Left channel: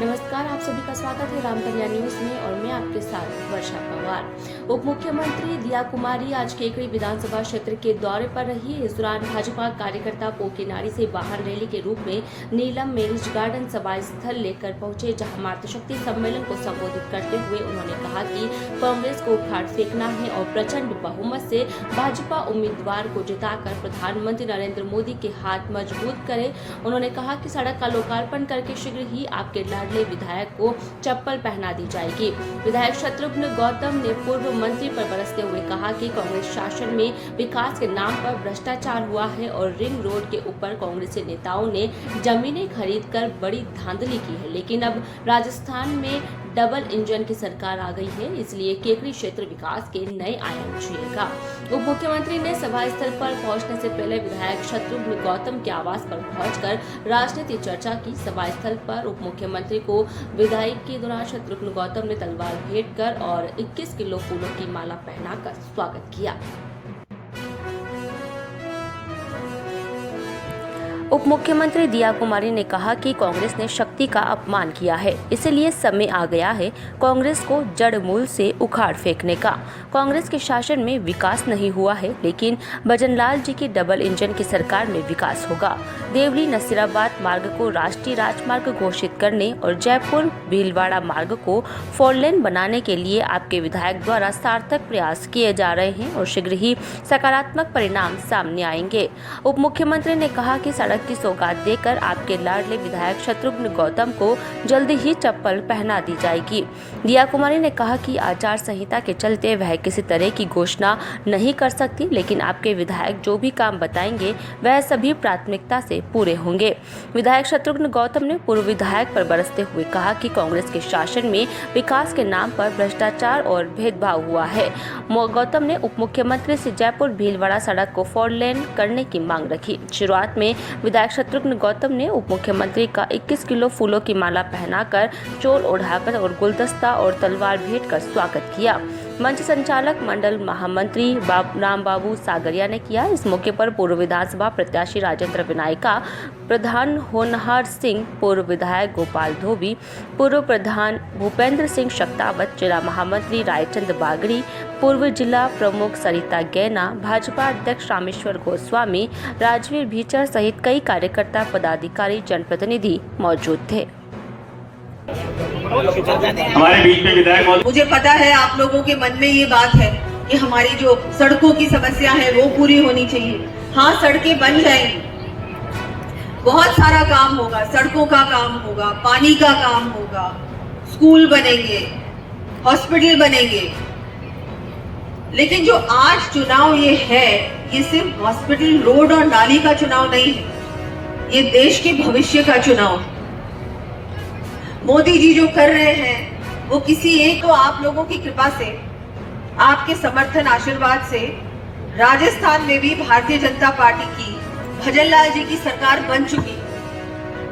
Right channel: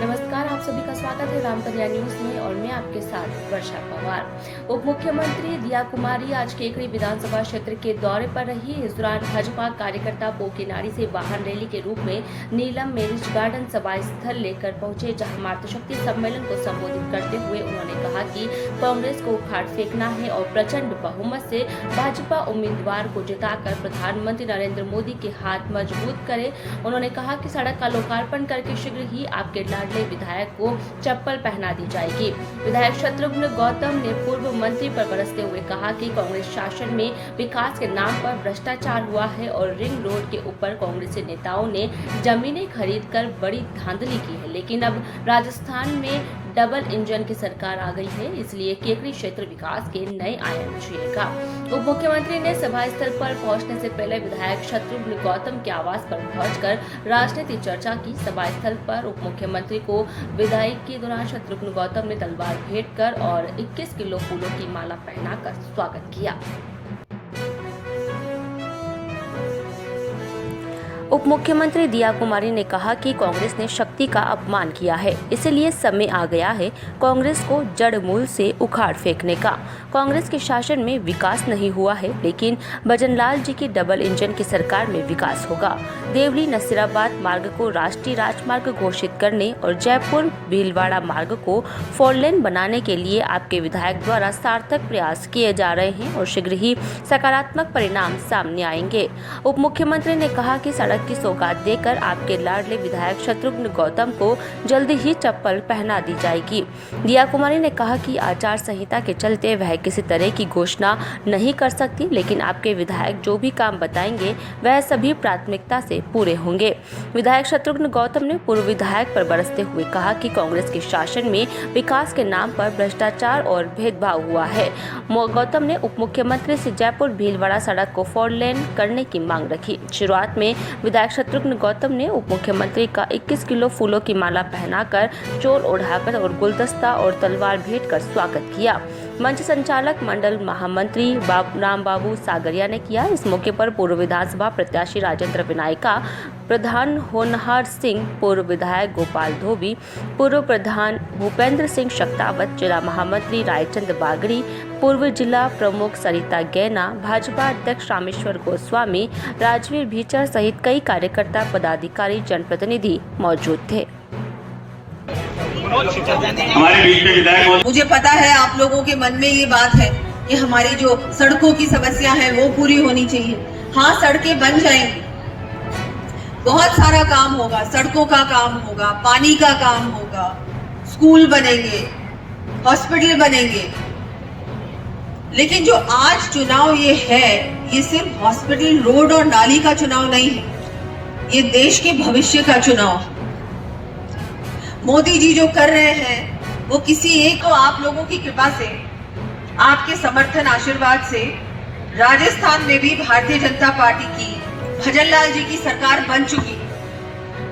नमस्कार, आप सभी का स्वागत है रामकन्या न्यूज में और मैं आपके साथ वर्षा पवार। उप मुख्यमंत्री दिया कुमारी आज केकड़ी विधानसभा क्षेत्र के दौरे पर रही। इस दौरान भाजपा कार्यकर्ता पोकेनाड़ी से वाहन रैली के रूप में नीलम मैरिज गार्डन सभा स्थल लेकर पहुंचे, जहां मातृशक्ति सम्मेलन को संबोधित करते हुए उन्होंने कहा कि कांग्रेस को उखाड़ फेंकना है और प्रचंड बहुमत से भाजपा उम्मीदवार को जिताकर प्रधानमंत्री नरेंद्र मोदी के हाथ मजबूत करे। उन्होंने कहा कि सड़क का लोकार्पण करके शीघ्र ही आपके लाडले विधायक को चप्पल पहना दी जाएगी। विधायक शत्रुघ्न गौतम ने पूर्व मंत्री पर बरसते हुए कहा कि कांग्रेस शासन में विकास के नाम पर भ्रष्टाचार हुआ है और रिंग रोड के ऊपर कांग्रेसी नेताओं ने जमीनें खरीदकर बड़ी धांधली की है, लेकिन अब राजस्थान में डबल इंजन की सरकार आ गई है, इसलिए केकड़ी क्षेत्र विकास के नए आयाम छुएगा। उप मुख्यमंत्री ने सभा स्थल पर पहुंचने से पहले विधायक शत्रुघ्न गौतम के आवास पर पहुंचकर राजनीतिक चर्चा की। सभा स्थल पर उप मुख्यमंत्री को विदाई के दौरान शत्रुघ्न गौतम ने तलवार भेंट कर और 21 किलो फूलों की माला पहनाकर स्वागत किया। उप मुख्यमंत्री दिया कुमारी ने कहा कि कांग्रेस ने शक्ति का अपमान किया है, इसलिए समय आ गया है कांग्रेस को जड़ मूल से उखाड़ फेंकने का। कांग्रेस के शासन में विकास नहीं हुआ है, लेकिन भजनलाल जी की डबल इंजन की सरकार में विकास होगा। देवली नसीराबाद मार्ग को राष्ट्रीय राजमार्ग घोषित करने और जयपुर भीलवाड़ा मार्ग को 4 लेन बनाने के लिए आपके विधायक द्वारा सार्थक प्रयास किए जा रहे हैं और शीघ्र ही सकारात्मक परिणाम सामने आएंगे। उप मुख्यमंत्री ने कहा कि सड़क की सौगात देकर आपके लाडले विधायक शत्रुघ्न गौतम को जल्दी ही चप्पल पहना दी जाएगी। दिया कुमारी ने कहा कि आचार संहिता के चलते वह किसी तरह की घोषणा नहीं कर सकती, लेकिन आपके विधायक जो भी काम बताएंगे वह सभी प्राथमिकता से पूरे होंगे। विधायक शत्रुघ्न गौतम ने पूर्व विधायक पर बरसते हुए कहा कि कांग्रेस के शासन में विकास के नाम पर भ्रष्टाचार और भेदभाव हुआ है। गौतम ने उप मुख्यमंत्री से जयपुर भीलवाड़ा सड़क को 4 लेन करने की मांग रखी। शुरुआत में विधायक शत्रुघ्न गौतम ने उप मुख्यमंत्री का 21 किलो फूलों की माला पहनाकर, चोल ओढ़ाकर और गुलदस्ता और तलवार भेंट कर स्वागत किया। मंच संचालक मंडल महामंत्री राम बाबू सागरिया ने किया। इस मौके पर पूर्व विधानसभा प्रत्याशी राजेंद्र विनायका, प्रधान होनहार सिंह, पूर्व विधायक गोपाल धोबी, पूर्व प्रधान भूपेंद्र सिंह शक्तावत, जिला महामंत्री रायचंद बागड़ी, पूर्व जिला प्रमुख सरिता गैना, भाजपा अध्यक्ष रामेश्वर गोस्वामी, राजवीर भीचर सहित कई कार्यकर्ता, पदाधिकारी, जनप्रतिनिधि मौजूद थे। मुझे पता है आप लोगों के मन में ये बात है कि हमारी जो सड़कों की समस्या है वो पूरी होनी चाहिए। हाँ, सड़कें बन जाएंगी, बहुत सारा काम होगा, सड़कों का काम होगा, पानी का काम होगा, स्कूल बनेंगे, हॉस्पिटल बनेंगे, लेकिन जो आज चुनाव ये है, ये सिर्फ हॉस्पिटल, रोड और नाली का चुनाव नहीं है, ये देश के भविष्य का चुनाव है। मोदी जी जो कर रहे हैं वो किसी एक, तो आप लोगों की कृपा से, आपके समर्थन आशीर्वाद से राजस्थान में भी भारतीय जनता पार्टी की, भजनलाल जी की सरकार बन चुकी,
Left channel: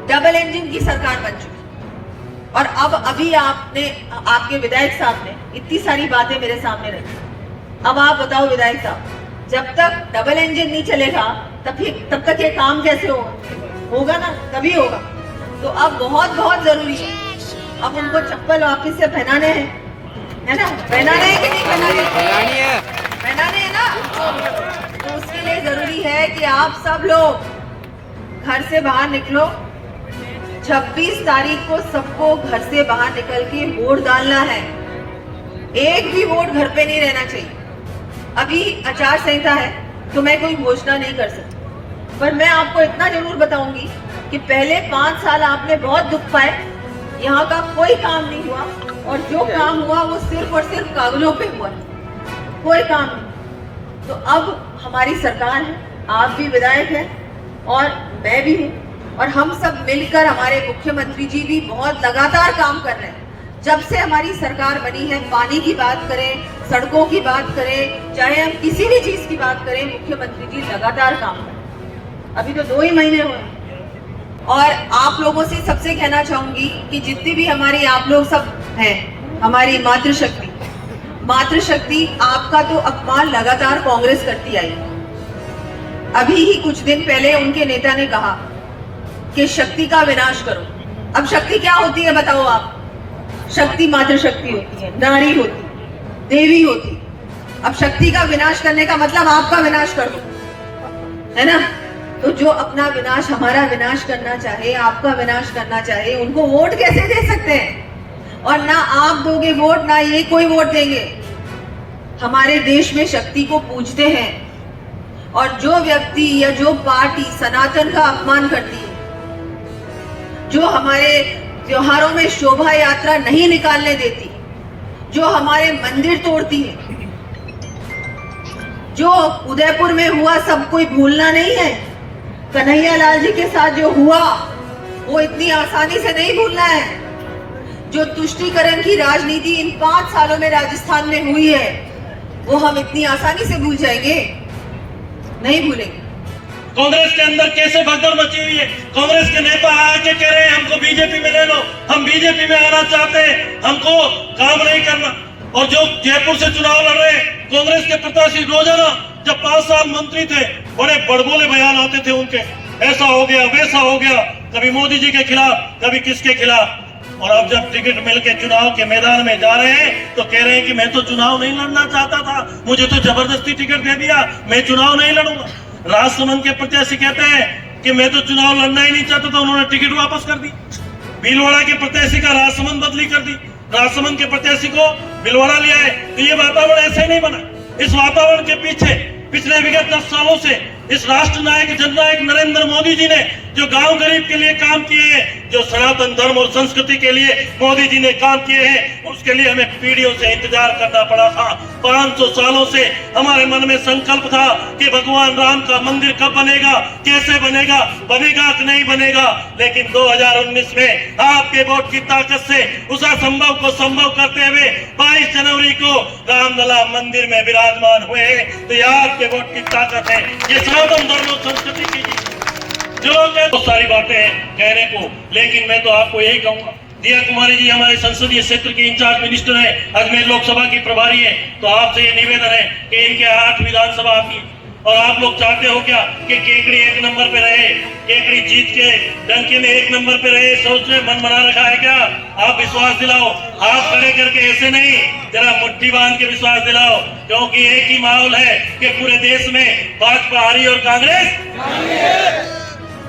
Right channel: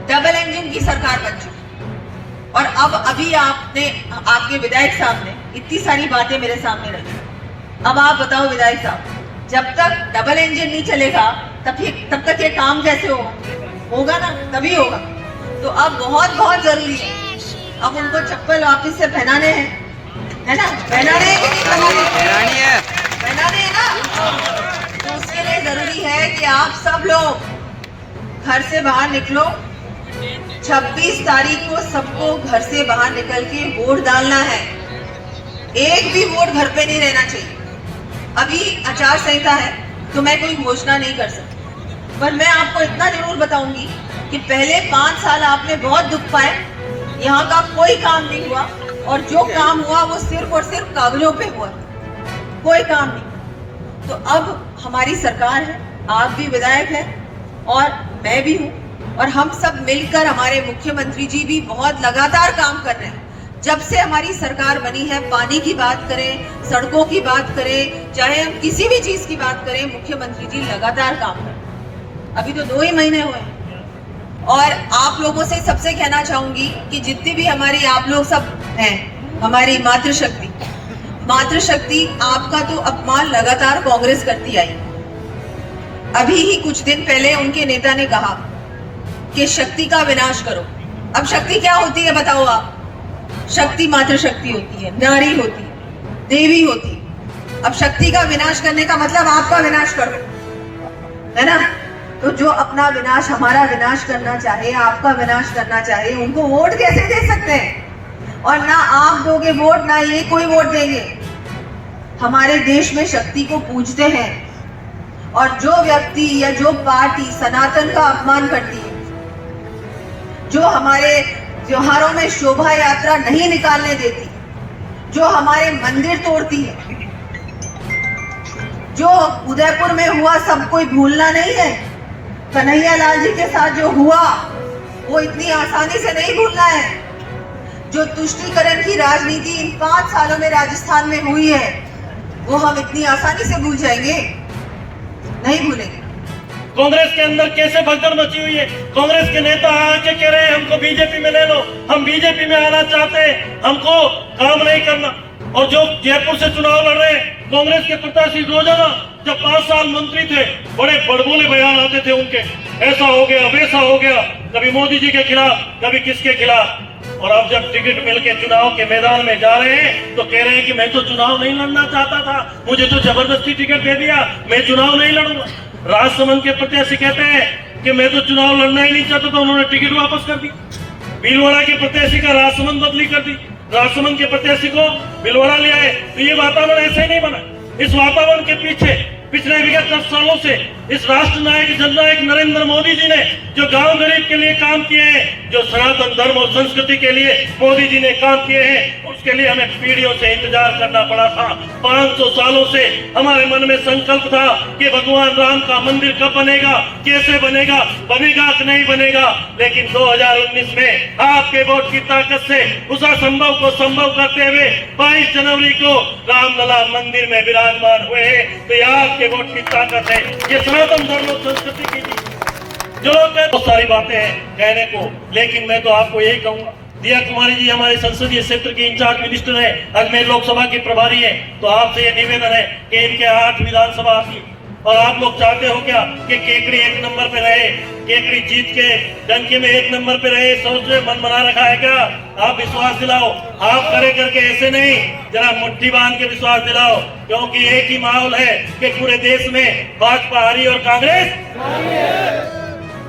डबल इंजन की सरकार बन चुकी। और अब अभी आपने, आपके विधायक साहब ने इतनी सारी बातें मेरे सामने रखी। अब आप बताओ विधायक साहब, जब तक डबल इंजन नहीं चलेगा तब तक ये काम कैसे होगा ना, तभी होगा। तो अब बहुत बहुत जरूरी है, अब उनको चप्पल वापस से पहनाने हैं, है ना, पहनाने हैं ना। तो उसके लिए जरूरी है कि आप सब लोग घर से बाहर निकलो। 26 तारीख को सबको घर से बाहर निकल के वोट डालना है। एक भी वोट घर पे नहीं रहना चाहिए। अभी आचार संहिता है तो मैं कोई घोषणा नहीं कर सकती, पर मैं आपको इतना जरूर बताऊंगी कि पहले 5 साल आपने बहुत दुख पाए, यहाँ का कोई काम नहीं हुआ, और जो काम हुआ वो सिर्फ और सिर्फ कागजों पे हुआ, कोई काम नहीं। तो अब हमारी सरकार है, आप भी विधायक हैं और मैं भी हूँ, और हम सब मिलकर, हमारे मुख्यमंत्री जी भी बहुत लगातार काम कर रहे हैं। जब से हमारी सरकार बनी है, पानी की बात करें, सड़कों की बात करें, चाहे हम किसी भी चीज की बात करें, मुख्यमंत्री जी लगातार काम कर रहे हैं। अभी तो 2 ही महीने हुए। और आप लोगों से सबसे कहना चाहूंगी कि जितनी भी हमारी, आप लोग सब हैं, हमारी मातृशक्ति, आपका तो अपमान लगातार कांग्रेस करती आई। अभी ही कुछ दिन पहले उनके नेता ने कहा कि शक्ति का विनाश करो। अब शक्ति क्या होती है बताओ आप? शक्ति मात्र शक्ति होती है, नारी होती, देवी होती। अब शक्ति का विनाश करने का मतलब आपका विनाश कर दो, है ना? तो जो अपना विनाश, हमारा विनाश करना चाहे, आपका विनाश करना चाहे, उनको वोट कैसे दे सकते हैं? और ना आप दोगे वोट, ना ये कोई वोट देंगे। हमारे देश में शक्ति को पूजते हैं, और जो व्यक्ति या जो पार्टी सनातन का अपमान करती है, जो हमारे त्योहारों में शोभा यात्रा नहीं निकालने देती, जो हमारे मंदिर तोड़ती है, जो उदयपुर में हुआ सब कोई भूलना नहीं है, कन्हैया लाल जी के साथ जो हुआ वो इतनी आसानी से नहीं भूलना है। जो तुष्टीकरण की राजनीति इन 5 सालों में राजस्थान में हुई है, वो हम इतनी आसानी से भूल जाएंगे? नहीं भूलेंगे। कांग्रेस के अंदर कैसे भगदड़ मची हुई है। कांग्रेस के नेता आके कह रहे हैं हमको बीजेपी में ले लो, हम बीजेपी में आना चाहते हैं, हमको काम नहीं करना। और जो जयपुर से चुनाव लड़ रहे हैं कांग्रेस के प्रत्याशी, रोजाना जब 5 साल मंत्री थे, बड़े बड़बोले बयान आते थे उनके, ऐसा हो गया वैसा हो गया, कभी मोदी जी के खिलाफ, कभी किसके खिलाफ। और अब जब टिकट मिलके चुनाव के मैदान में जा रहे हैं तो कह रहे हैं कि मैं तो चुनाव नहीं लड़ना चाहता था, मुझे तो जबरदस्ती टिकट दे दिया, मैं चुनाव नहीं लड़ूंगा। राजसमंद के प्रत्याशी कहते हैं कि मैं तो चुनाव लड़ना ही नहीं चाहता था, उन्होंने टिकट वापस कर दी। भीलवाड़ा के प्रत्याशी का राजसमंद बदली कर दी, राजसमंद के प्रत्याशी को भीलवाड़ा ले आए। तो ये वातावरण ऐसे ही नहीं बना। इस वातावरण के पीछे पिछले विगत 10 सालों से इस राष्ट्र नायक जननायक नरेंद्र मोदी जी ने जो गांव गरीब के लिए काम किए हैं, जो सनातन धर्म और संस्कृति के लिए मोदी जी ने काम किए हैं, उसके लिए हमें पीढ़ियों से इंतजार करना पड़ा था। 500 सालों से हमारे मन में संकल्प था कि भगवान राम का मंदिर कब बनेगा, कैसे बनेगा, बनेगा कि नहीं बनेगा। लेकिन 2019 में आपके वोट की ताकत से उस असंभव को संभव करते हुए 22 जनवरी को रामलला मंदिर में विराजमान हुए। तो ये आपके वोट की ताकत है, ये सनातन धर्म और संस्कृति की। जो लोग बहुत सारी बातें हैं कहने को, लेकिन मैं तो आपको यही कहूंगा, दिया कुमारी जी हमारे संसदीय क्षेत्र के इंचार्ज मिनिस्टर है, अजमेर लोकसभा की प्रभारी है, तो आपसे ये निवेदन है कि इनके 8 विधानसभा की, और आप लोग चाहते हो क्या कि केकड़ी 1 नंबर पे रहे, केकड़ी जीत के डंके में 1 नंबर पे रहे, सोच रहे मन बना रखा है क्या? आप विश्वास दिलाओ, आप खड़े करके ऐसे नहीं, जरा मुट्ठी बांध के विश्वास दिलाओ, क्योंकि एक ही माहौल है कि पूरे देश में भाजपा हारी और कांग्रेस।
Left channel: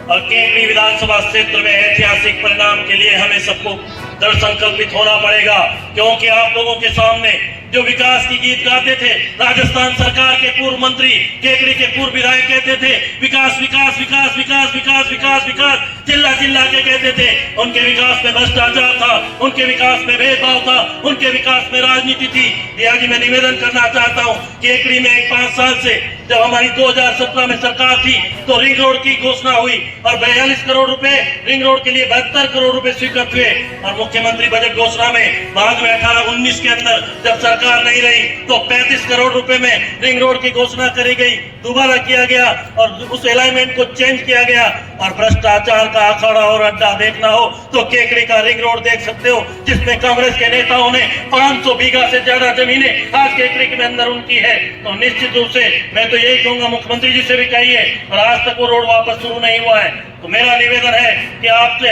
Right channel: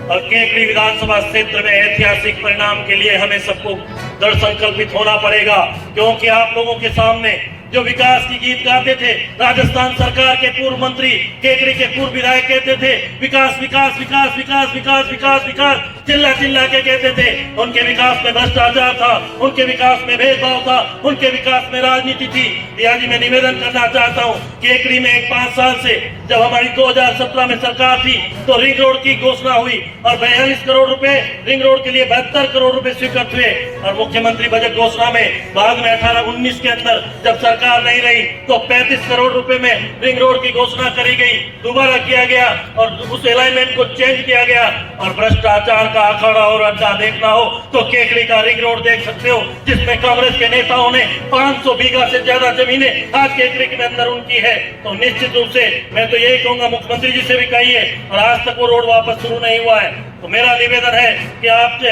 और केकड़ी विधानसभा क्षेत्र में ऐतिहासिक परिणाम के लिए हमें सबको दृढ़ संकल्पित होना पड़ेगा, क्योंकि आप लोगों के सामने जो विकास की गीत गाते थे, राजस्थान सरकार के पूर्व मंत्री, केकड़ी के पूर्व विधायक कहते थे विकास विकास विकास विकास विकास विकास विकास, चिल्ला चिल्ला के कहते थे। उनके विकास में भ्रष्टाचार था, उनके विकास में भेदभाव था, उनके विकास में राजनीति थी। आज मैं निवेदन करना चाहता हूँ, केकड़ी में 5 साल से जब हमारी 2017 में सरकार थी तो रिंग रोड की घोषणा हुई और 42 करोड़ रुपए रिंग रोड के लिए 72 करोड़ रुपए स्वीकृत हुए। और मुख्यमंत्री बजट घोषणा में बाद में 18-19 के अंदर जब सरकार नहीं रही तो 35 करोड़ रुपए में रिंग रोड की घोषणा करी गई, दोबारा किया गया और उस अलाइनमेंट को चेंज किया गया। और भ्रष्टाचार का अखाड़ा और अड्डा देखना हो तो केकड़ी का रिंग रोड देख सकते हो, जिसमें कांग्रेस के नेताओं ने 500 बीघा से ज्यादा जमीनें आज केकड़ी के अंदर उनकी है। तो निश्चित रूप से मैं तो यही कहूंगा, मुख्यमंत्री जी से भी कहिए, और आज तक वो रोड वापस शुरू नहीं हुआ है। तो मेरा निवेदन है कि आपसे,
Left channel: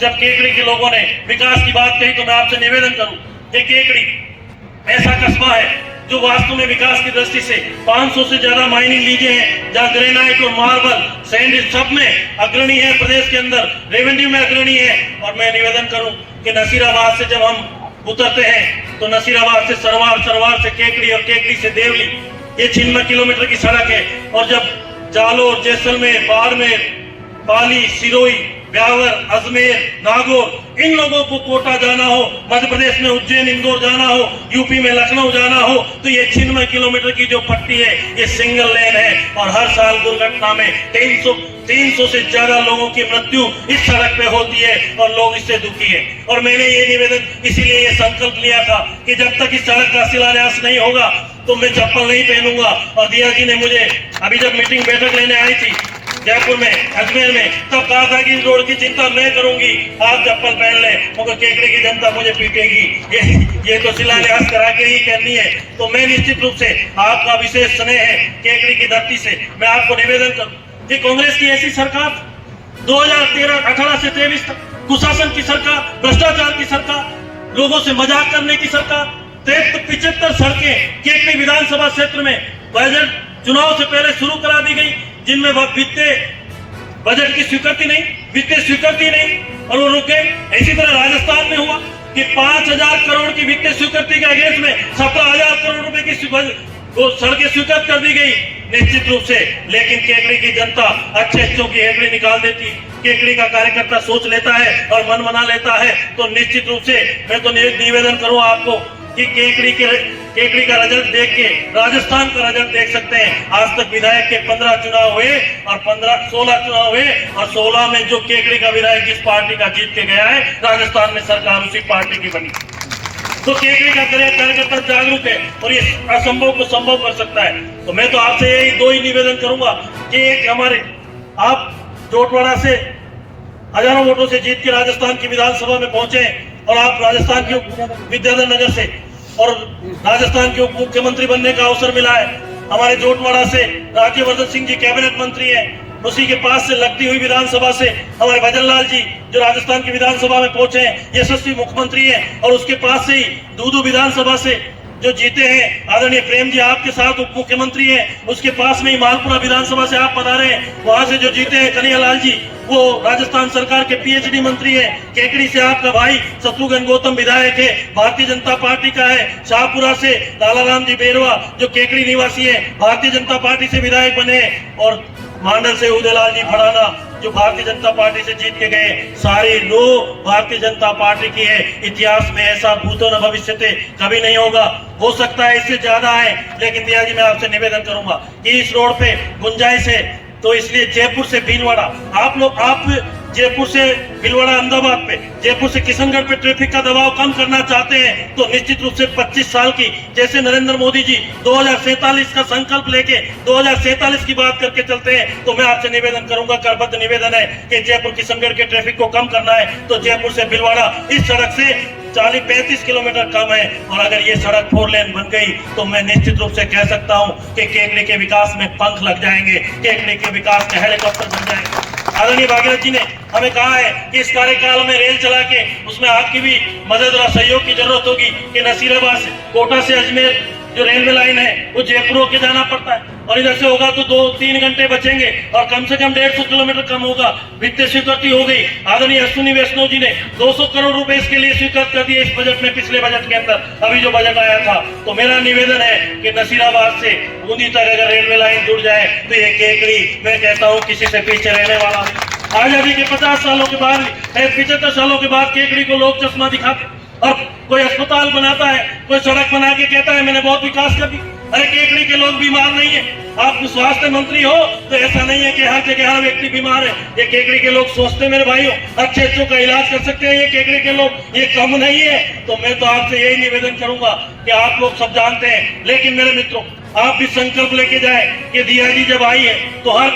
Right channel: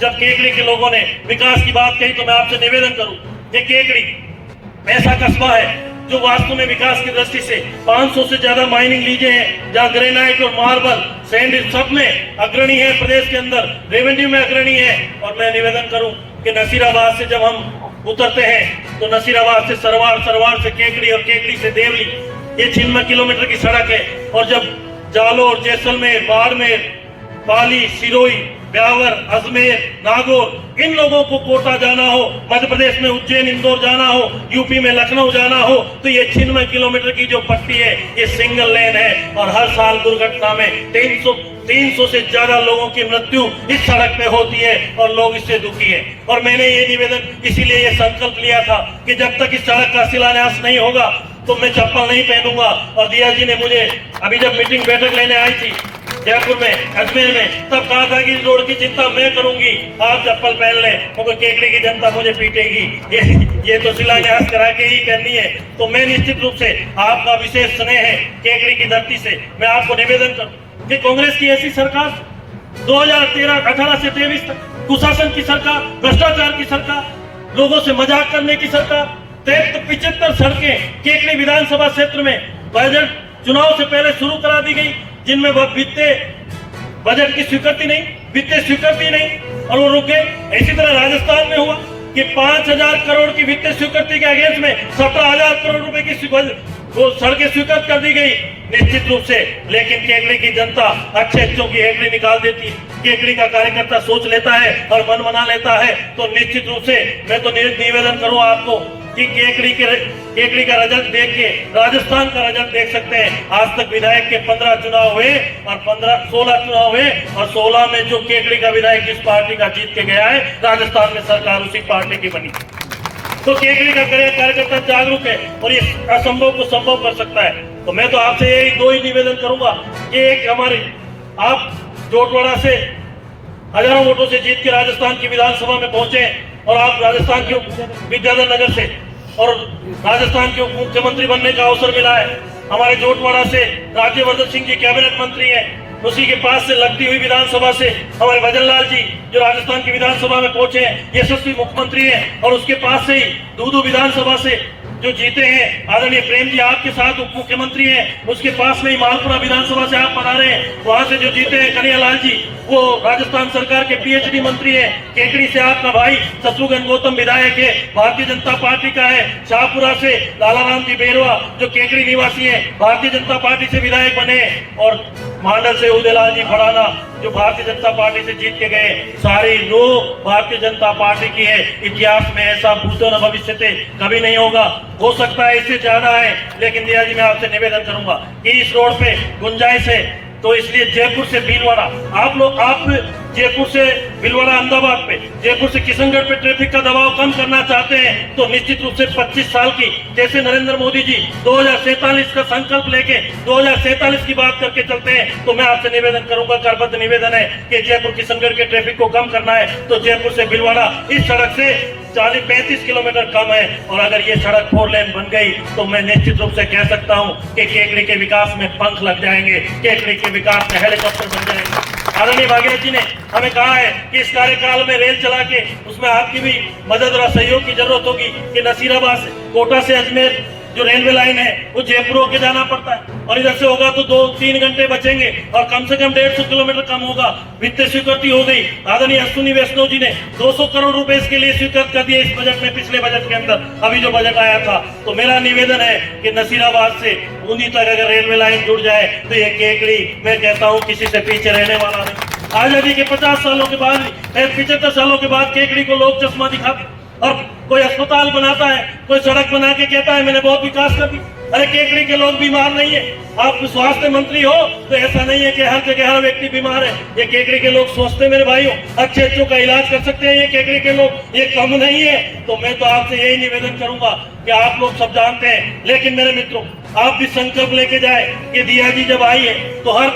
जब केकड़ी के लोगों ने विकास की बात कही तो मैं आपसे निवेदन करूं कि केकड़ी ऐसा कस्बा है जो वास्तव में विकास की दृष्टि से 500 से ज्यादा माइनिंग लीजे हैं, जहाँ ग्रेनाइट और मार्बल सैंड सब में अग्रणी है, प्रदेश के अंदर रेवेन्यू में अग्रणी है। और मैं निवेदन करूं कि नसीराबाद से जब हम उतरते हैं तो नसीराबाद से सरवार, सरवार से केकड़ी और केकड़ी से देवली, ये 96 किलोमीटर की सड़क है। और जब जालोर, जैसलमेर, बाड़मेर, पाली, सिरोही, ब्यावर, अजमेर, नागौर, इन लोगों को कोटा जाना हो, मध्य प्रदेश में उज्जैन, इंदौर जाना हो, यूपी में लखनऊ जाना हो, तो ये 96 किलोमीटर की जो पट्टी है ये सिंगल लेन है। और हर साल दुर्घटना में 300 से ज्यादा लोगों की मृत्यु इस सड़क पे होती है और लोग इससे दुखी है। और मैंने ये निवेदन इसीलिए ये संकल्प लिया था कि जब तक इस सड़क का शिलान्यास नहीं होगा तो मैं चप्पल नहीं पहनूंगा। और दिया जी ने मुझे अभी जब मीटिंग बैठक लेने आई थी जयपुर में, अजमेर में, तब कहा था कि रोड की चिंता मैं करूंगी, आप चप्पल पहन ले, क्योंकि केकड़ी की जनता मुझे पीटेगी। ये तो शिलान्यास करा के ही करनी है। तो मैं निश्चित रूप से आपका विशेष स्नेह है केकड़ी की धरती से, मैं आपको निवेदन करूं कि कांग्रेस की ऐसी सरकार 2018 से 23 तक कुशासन की सरकार, भ्रष्टाचार की सरकार, लोगों से मजाक करने की सरकार। 75 सड़कें केकड़ी विधानसभा क्षेत्र में बजट चुनाव से पहले शुरू करा दी गई, जिनमें वित्तीय बजट की स्वीकृति नहीं, वित्तीय स्वीकृति नहीं, और वो रुक गए। इसी तरह राजस्थान में हुआ कि 5000 करोड़ की वित्तीय स्वीकृति के अगेंस्ट में 17000 करोड़ रुपए की वो सड़कें स्वीकृत कर दी गई निश्चित रूप से। लेकिन केकड़ी की जनता अच्छे की हेकड़ी निकाल देती, केकड़ी का कार्यकर्ता सोच लेता है और मन बना लेता है। तो निश्चित रूप से मैं तो निवेदन करूं आपको कि केकड़ी का रिजल्ट देख के राजस्थान का रिजल्ट देख सकते हैं। आज तक विधायक के 15 चुनाव हुए और 16 चुनाव हुए, और 16 में जो केकड़ी का विधायक जिस पार्टी का जीत के गया है, राजस्थान में सरकार उसी पार्टी की बनी। तो केकड़ी का कार्यकर्ता जागरूक है और ये असंभव को संभव कर सकता है। तो मैं तो आपसे यही दो ही निवेदन करूंगा कि एक हमारे आप जोटवाड़ा से हजारों वोटों से जीत के राजस्थान की विधानसभा में पहुंचे, और आप राजस्थान के विद्याधर नगर से और राजस्थान के उप मुख्यमंत्री बनने का अवसर मिला है। हमारे जोटवाड़ा से राज्यवर्धन सिंह जी कैबिनेट मंत्री है, उसी के पास से लगती हुई विधानसभा से हमारे भजन लाल जी जो राजस्थान की विधानसभा में पहुंचे हैं, यशस्वी मुख्यमंत्री हैं, और उसके पास से ही दूदू विधानसभा से जो जीते हैं आदरणीय प्रेम जी आपके साथ उप मुख्यमंत्री हैं, उसके पास में ही मालपुरा विधानसभा से आप पधारे हैं, वहां से जो जीते हैं कन्हैयालाल जी वो राजस्थान सरकार के पीएचडी मंत्री है। केकड़ी से आपका भाई शत्रुघ्न गौतम विधायक है, भारतीय जनता पार्टी का है। शाहपुरा से लालाराम जी बेरवा जो केकड़ी निवासी है, भारतीय जनता पार्टी से विधायक बने, और मांडल से उदयलाल जी फड़ाना जो भारतीय जनता पार्टी से जीत के गए। सारी लो भारतीय जनता पार्टी की है। इतिहास में ऐसा भूतो न भविष्यते कभी नहीं होगा, हो सकता है इससे ज्यादा है, लेकिन दिया जी मैं आपसे निवेदन करूंगा कि इस रोड पे गुंजाइश है। तो इसलिए जयपुर से भीलवाड़ा आप जयपुर से भीलवाड़ा अहमदाबाद पे, जयपुर से किशनगढ़ पे ट्रैफिक का दबाव कम करना चाहते हैं, तो निश्चित रूप से 25 साल की जैसे नरेंद्र मोदी जी 2047 का संकल्प लेके 2047 की बात करके चलते हैं, तो मैं आपसे निवेदन करूंगा, करबद्ध निवेदन है कि जयपुर किशनगढ़ के ट्रैफिक को कम करना है तो जयपुर से भीलवाड़ा इस सड़क से 40-35 किलोमीटर कम है। और अगर ये सड़क 4 लेन बन गई तो मैं निश्चित रूप से कह सकता हूं कि केकड़ी के विकास में पंख लग जाएंगे, केकड़ी के विकास में हेलीकॉप्टर बन जाएंगे। आदरणीय भागीरथ जी ने हमें कहा है कि इस कार्यकाल में रेल चला के उसमें आपकी भी मदद और सहयोग की जरूरत होगी कि नसीराबाद से कोटा से अजमेर जो रेलवे लाइन है वो जयपुर होके जाना पड़ता है, और इधर से होगा तो 2-3 घंटे बचेंगे और कम से कम 150 किलोमीटर कम होगा। वित्तीय स्वीकृति हो गई। आदरणीय अश्विनी वैष्णव जी ने 200 करोड़ रुपए इसके लिए स्वीकृत कर दिए इस बजट में, पिछले बजट के अंदर अभी जो बजट आया था। तो मेरा निवेदन है कि नसीराबाद से बूंदी तक अगर रेलवे लाइन जुड़ जाए तो ये केकड़ी मैं कहता हूँ किसी से पीछे रहने वाला नहीं। आजादी के 50 सालों के बाद 75 सालों के बाद केकड़ी को लोग चश्मा दिखाते, और कोई अस्पताल बनाता है, कोई सड़क बना के कहता है मैंने बहुत विकास कर दी। अरे केकड़ी के लोग बीमार नहीं है, आप स्वास्थ्य मंत्री हो तो ऐसा नहीं है कि हर जगह हर व्यक्ति बीमार है। ये केकड़ी के लोग सोचते मेरे भाइयों अच्छे का इलाज कर सकते हैं ये केकड़ी के लोग, ये कम नहीं है। तो मैं तो आपसे यही निवेदन करूंगा कि आप लोग सब जानते हैं, लेकिन मेरे मित्रों आप भी संकल्प लेके जाए कि दिया जी जब आई है तो हर